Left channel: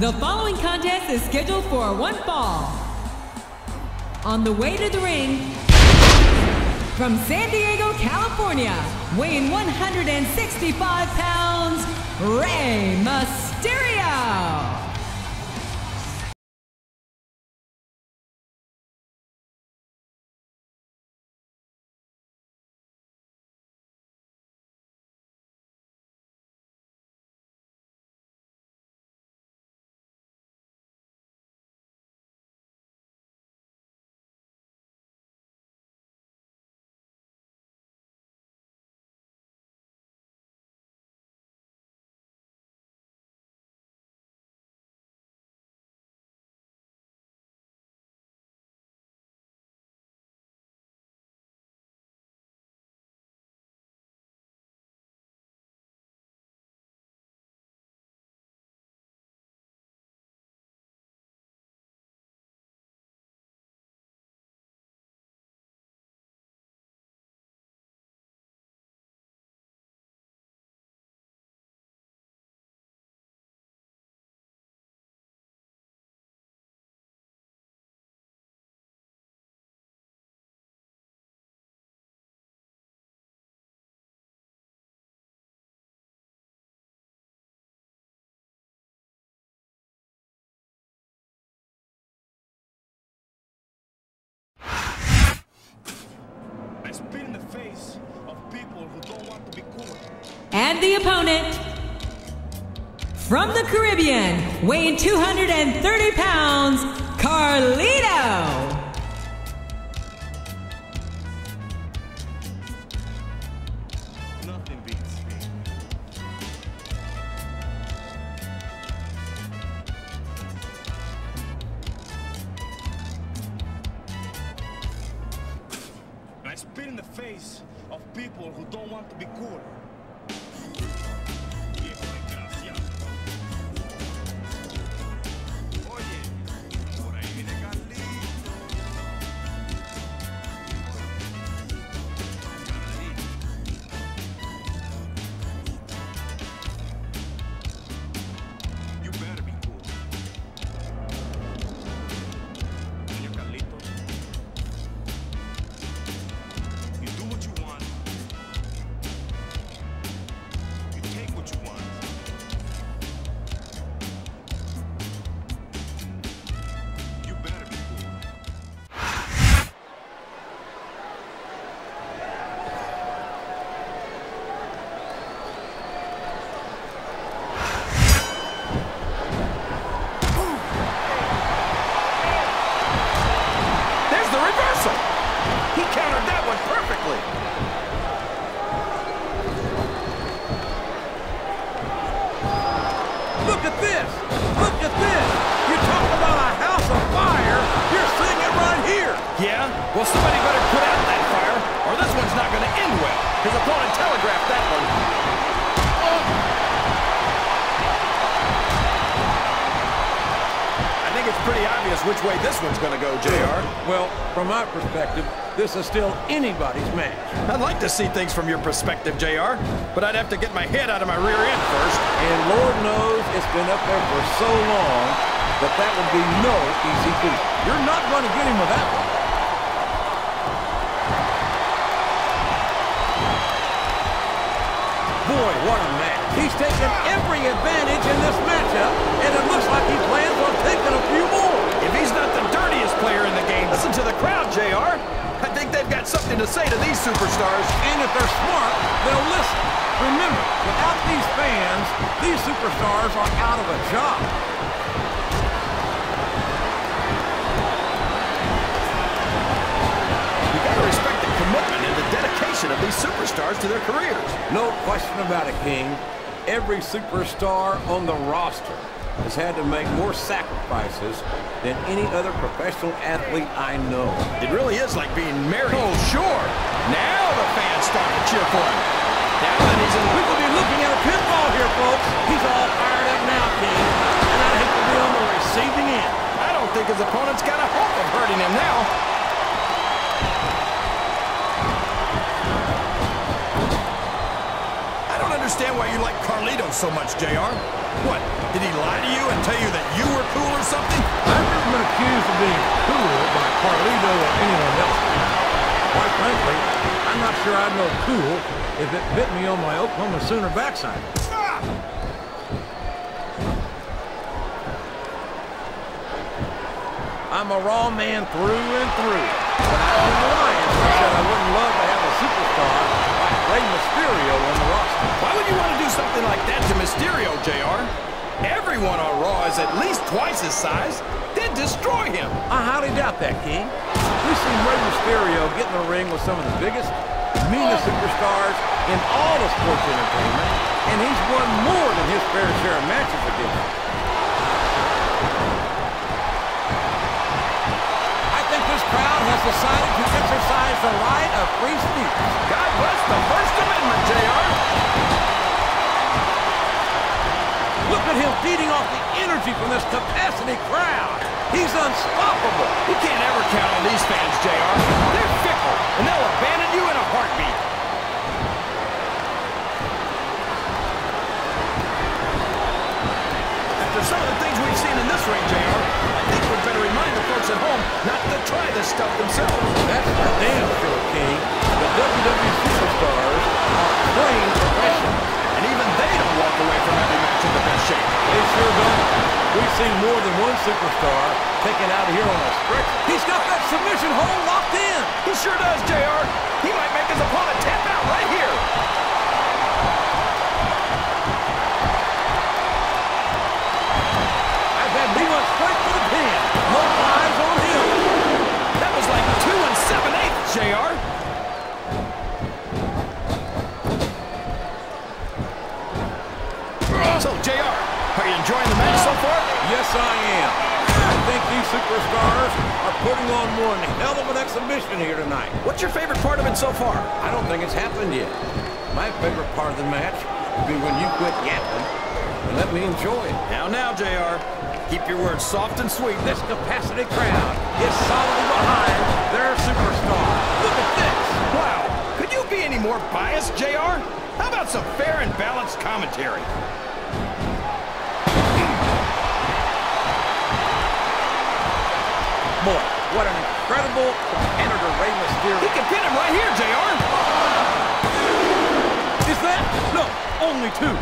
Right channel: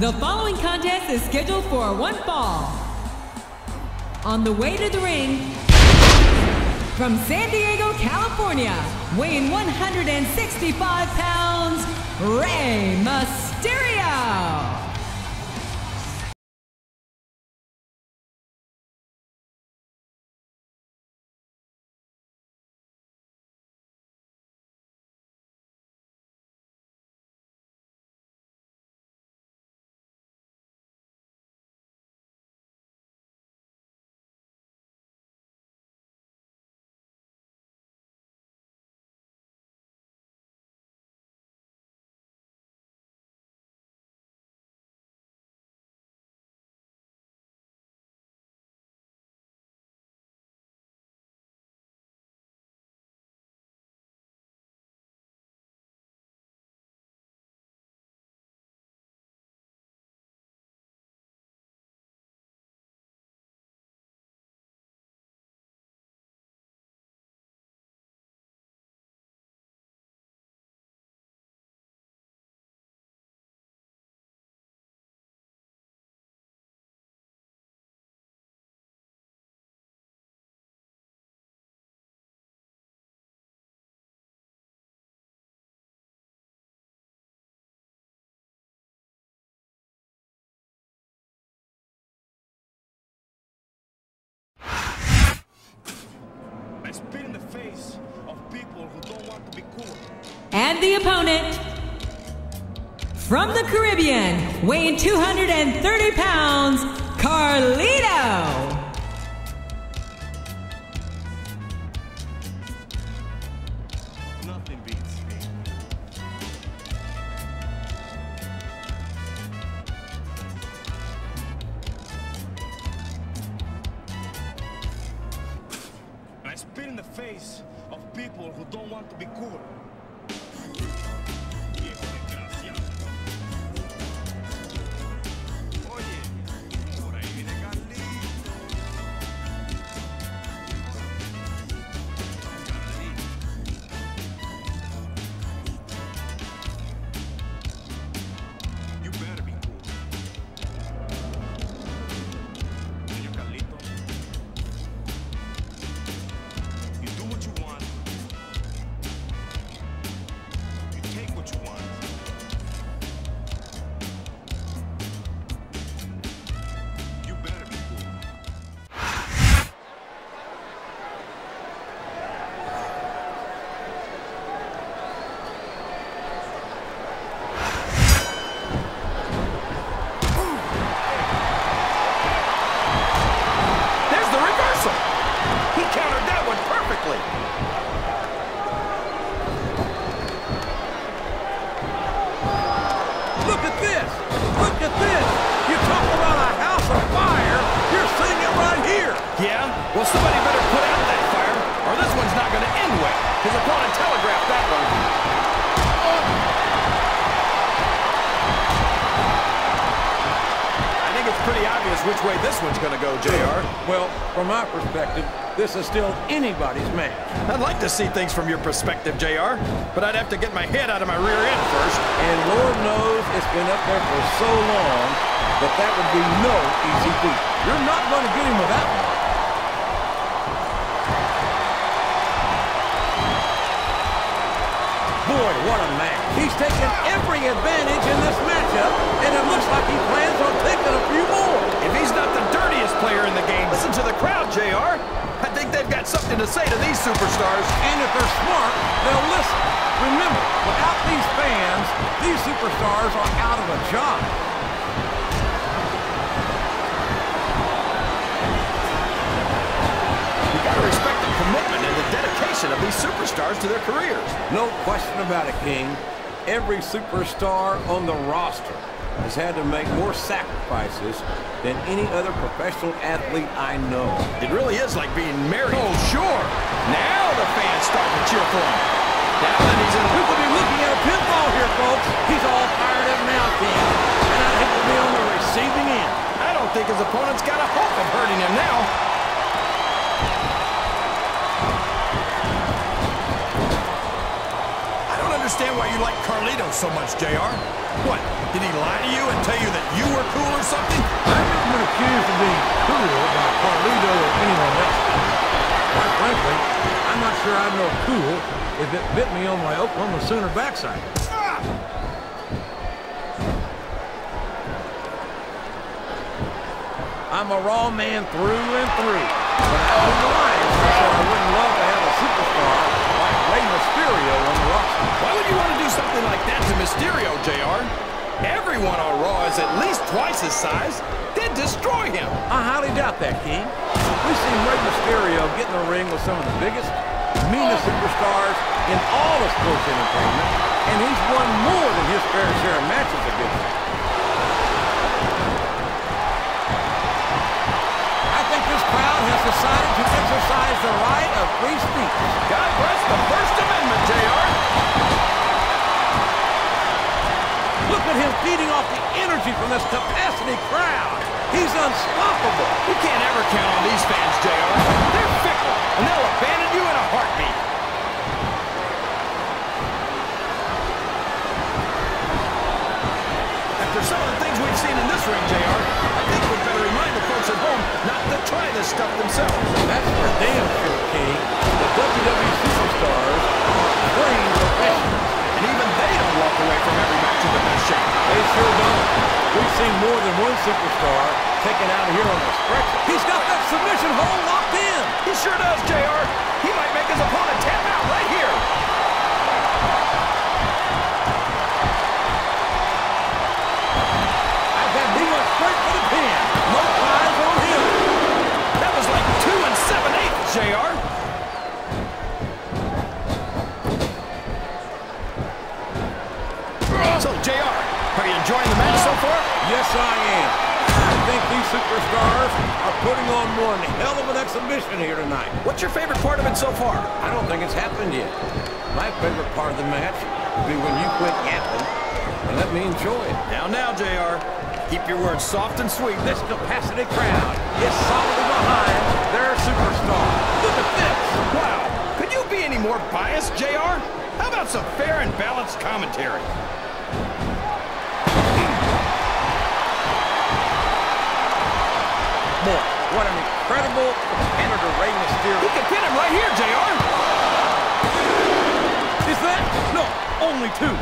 The following contest is scheduled for one fall. On the way to the ring, from San Diego, California, weighing 165 pounds, Rey Mysterio. I spit in the face of people who don't want to be cool. And the opponent, from the Caribbean, weighing 230 pounds, Carlito. Nothing beats me. I spit in the face of people who don't want to be cool. Viejo desgraciado. Oye, por ahí viene Carlito. You better be cool. Señor Carlito. You do what you want. You take what you want. You better be cool. There's the reversal. He countered that one perfectly. Look at this. Look at this. You talk about a house of fire. You're seeing it right here. Yeah? Well, somebody better put out that fire, or this one's not going to end well. His opponent telegraphed that one. I think it's pretty obvious which way this one's going to go, JR. Well, from my perspective, this is still anybody's match. I'd like to see things from your perspective, JR, but I'd have to get my head out of my rear end first. And Lord knows it's been up there for so long that that would be no easy feat. You're not going to get him with that one. Boy, what a match. He's taken every advantage in this matchup, and it looks like he plans on taking a few more. If he's not the dirtiest player in the game, listen to the crowd, JR. I think they've got something to say to these superstars. And if they're smart, they'll listen. Remember, without these fans, these superstars are out of a job. You gotta respect the commitment and the dedication of these superstars to their careers. No question about it, King. Every superstar on the roster has had to make more sacrifices than any other professional athlete I know. It really is like being married. Oh, sure. Now the fans start to cheer for him. Now that he's in... We could be looking at a pinfall here, folks. He's all fired up now, King. And I'd hate to be on the receiving end. I don't think his opponent's got a hope of hurting him now. I don't understand why you like Carlito so much, JR. What, did he lie to you and tell you that you were cool or something? I've never been accused of being cool by Carlito or anyone else. Quite frankly, I'm not sure I'd know cool if it bit me on my Oklahoma Sooner backside. I'm a raw man through and through. When I was the Lions, I said I wouldn't love to have a superstar like Rey Mysterio on the roster. Why would you want to do something like that to Mysterio, JR? Everyone on Raw is at least twice his size. They'd destroy him. I highly doubt that, King. We've seen Rey Mysterio get in the ring with some of the biggest, meanest superstars in all of sports entertainment, and he's won more than his fair share of matches against them. I think this crowd has decided to exercise the right of free speech. God bless the First Amendment, JR. Look at him feeding off the energy from this capacity crowd. He's unstoppable. You can't ever count on these fans, JR. They're fickle, and they'll abandon you in a heartbeat. After some of the things we've seen in this ring, JR, I think we'd better remind the folks at home not to try this stuff themselves. That's for damn sure, King. The WWE superstars are trained professionals. And even they don't walk away from every match in the best shape. They sure don't. We've seen more than one superstar taken out of here on a stretcher. He's got that submission hold locked in. He sure does, JR. He might make his opponent tap out right here. He went straight for the pin. No flies on him. That was like 2 7/8, JR. So, JR, are you enjoying the match so far? Yes, I am. I think these superstars are putting on one hell of an exhibition here tonight. What's your favorite part of it so far? I don't think it's happened yet. My favorite part of the match would be when you quit yapping and let me enjoy it. Now, JR. Keep your words soft and sweet. This capacity crowd is solidly behind their superstar. Look at this. Wow. Could you be any more biased, JR? How about some fair and balanced commentary? Boy, what an incredible competitor Rey Mysterio. He can pin him right here, JR. Is that? No, only 2.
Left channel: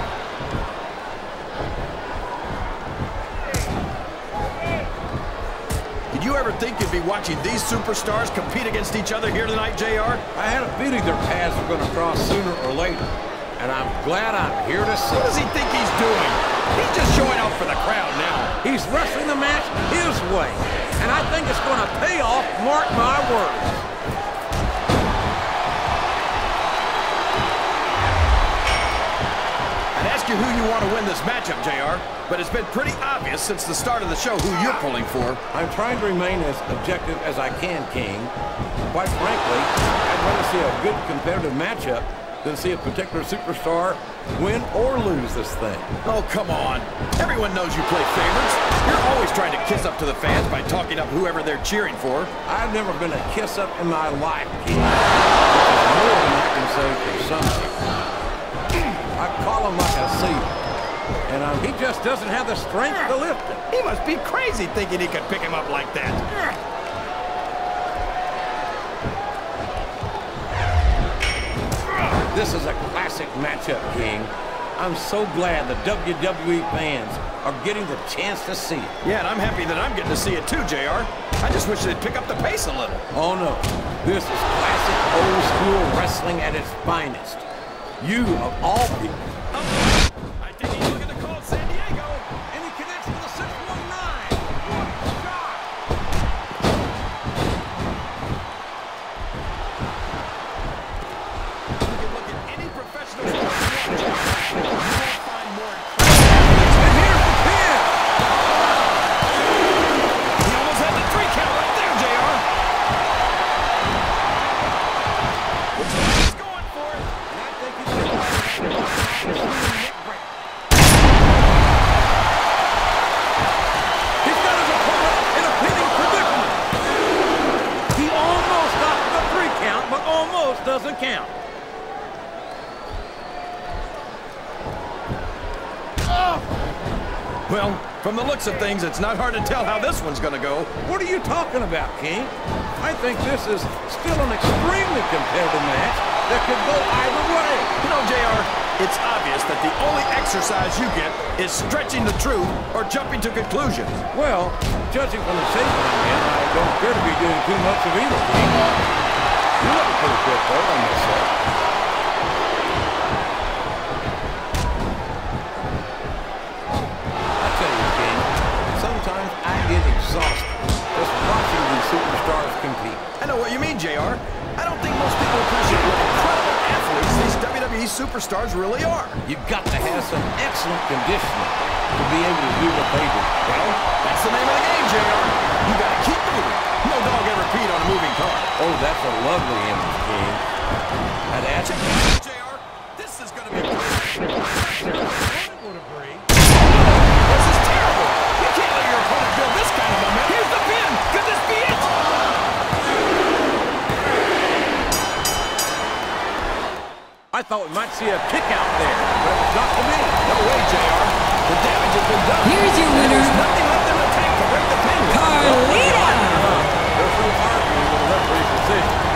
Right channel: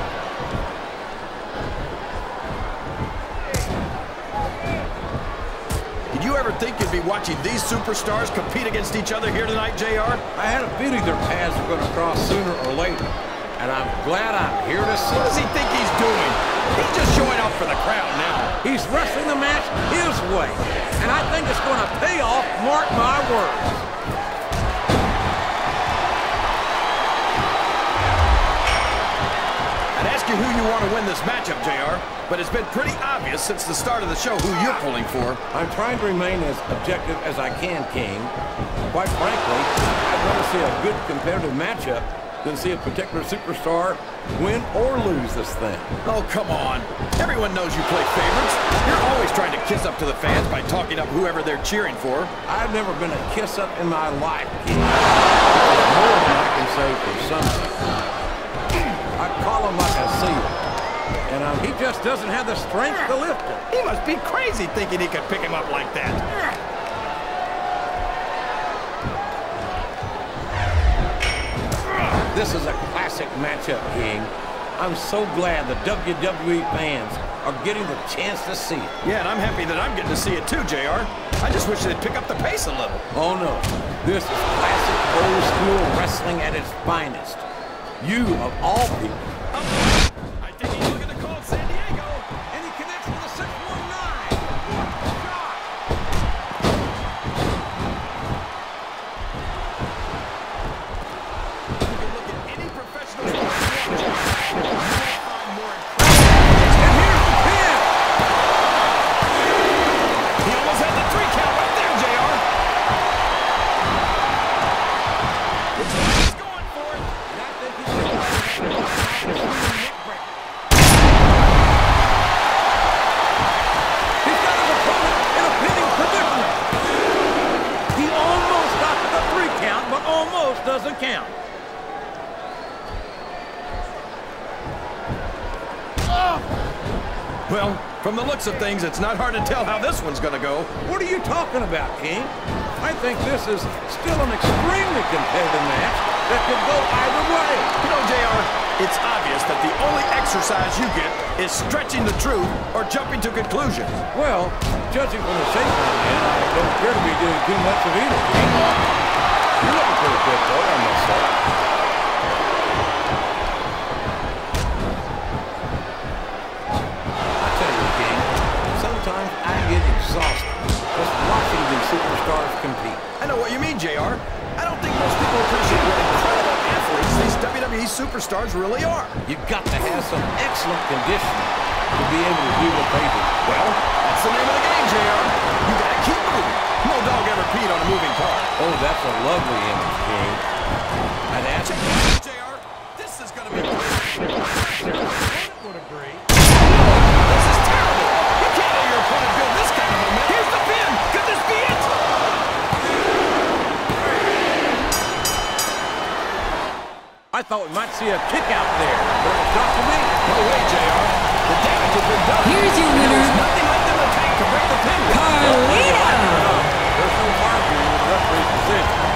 Did you ever think you'd be watching these superstars compete against each other here tonight, JR? I had a feeling their paths were going to cross sooner or later, and I'm glad I'm here to see. What does he think he's doing? He's just showing up for the crowd now. He's wrestling the match his way, and I think it's going to pay off, mark my words. I'd ask you who you want to win this matchup, JR, but it's been pretty obvious since the start of the show who you're pulling for. I'm trying to remain as objective as I can, King. Quite frankly, I'd rather see a good competitive matchup than see a particular superstar win or lose this thing. Oh, come on. Everyone knows you play favorites. You're always trying to kiss up to the fans by talking up whoever they're cheering for. I've never been a kiss-up in my life, King. Which is more than I can say for some people. I call him like I see him. And he just doesn't have the strength to lift him. He must be crazy thinking he could pick him up like that. This is a classic matchup, King. I'm so glad the WWE fans are getting the chance to see it. Yeah, and I'm happy that I'm getting to see it too, JR. I just wish they'd pick up the pace a little. Oh, no. This is classic old-school wrestling at its finest. You, of all people. I think he's looking to call San Diego. And he connects with a 619. What a shot. You can look at any professional sport you won't find more incredible. And here's the pin. He almost had the 3 count right there, JR. He's going for it. And I think he's going to He's got his opponent in a pinning predicament. He almost got the 3 count, but almost doesn't count. Well, from the looks of things, it's not hard to tell how this one's gonna go. What are you talking about, King? I think this is still an extremely competitive match that could go either way. You know, JR, it's obvious that the only exercise you get is stretching the truth or jumping to conclusions. Well, judging from the shape I'm in, I don't appear to be doing too much of either, King. You're looking pretty fit, though, I must say. I tell you, King, sometimes I get exhausted just watching these superstars compete. I know what you mean, JR. I don't think most people appreciate what incredible athletes these WWE superstars really are. You've got to have some excellent conditioning to be able to do what they do. Well, that's the name of the game, JR. You gotta keep moving. No dog ever peed on a moving car. Oh, that's a lovely image, King. I'd ask you. JR, this is gonna be... Opponent would agree. This is terrible. You can't let your opponent build this kind of momentum. Here's the pin. Could this be it? I thought we might see a kick out there, but it was not to be. No way, JR. The damage has been done. Here's your and there winner. was nothing left in the tank to break the pin with. Well, whether you like it or not, there's no arguing with the referee's decision.